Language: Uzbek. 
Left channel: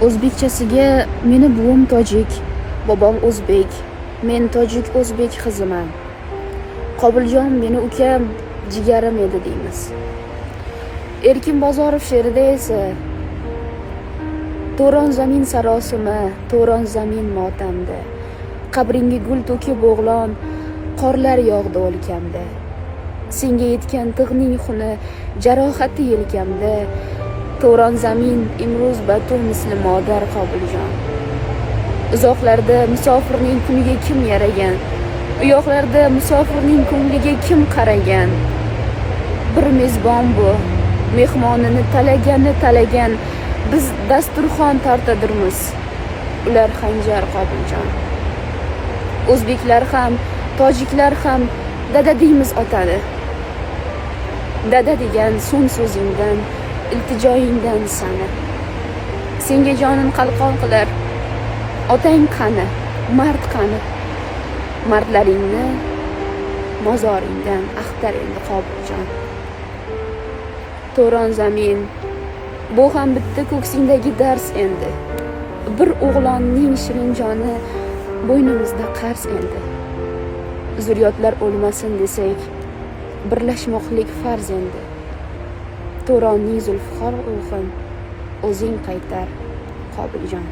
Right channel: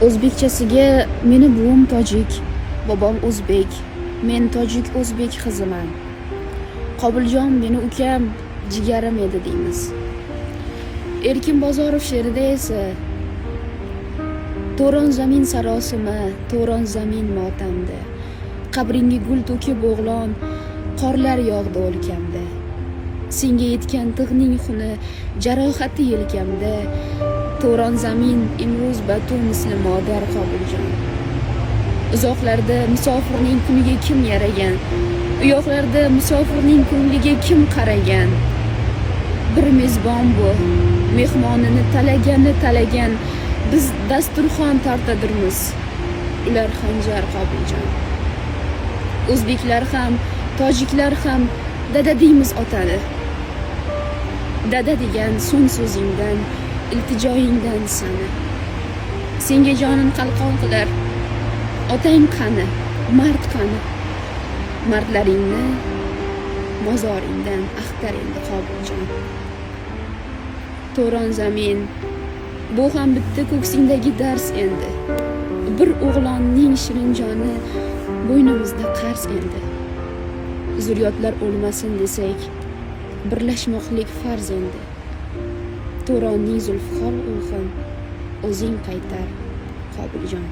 O'zbekchasiga meni buvim tojik, bobom o'zbek, men tojik o'zbek qiziman. Qobiljon meni ukam, jigarim edi deymiz. Erkin Bozorov she'rida esa to'ron zamin sarosima, to'ron zamin motamda. Qabringga gul to'kib o'g'lon, qorlar yog'di o'lkamda. Senga yetgan tig'ning xuni, jarohati yelkamda. To'ron zamin imroz batu misli modar Qobiljon. Uzoqlarda musofirning kuniga kim yaragan? Uyoqlarda musofirning ko'ngliga kim qaragan? Bir mezbon bu, mehmonini talagan, biz dasturxon tortadirmiz. Ular xanjar Qobiljon. O'zbeklar ham, tojiklar ham dada deymiz otani. Dada degan so'ng so'zingdan, iltijoyingdan sana. Senga jonin qalqon qilar. Otang qani, mard qani? Mardlaringni mozoringdan axtar endi Qobiljon. To'ron zamin, bu ham bitta ko'ksingdagi dars endi. Bir o'g'lonning shirin joni bo'ynimizda qarz endi. Zurriyotlar o'lmasin desak, birlashmoqlik farz endi. To'ronning zulfiqor ruhin o'zing qaytar Qobiljon.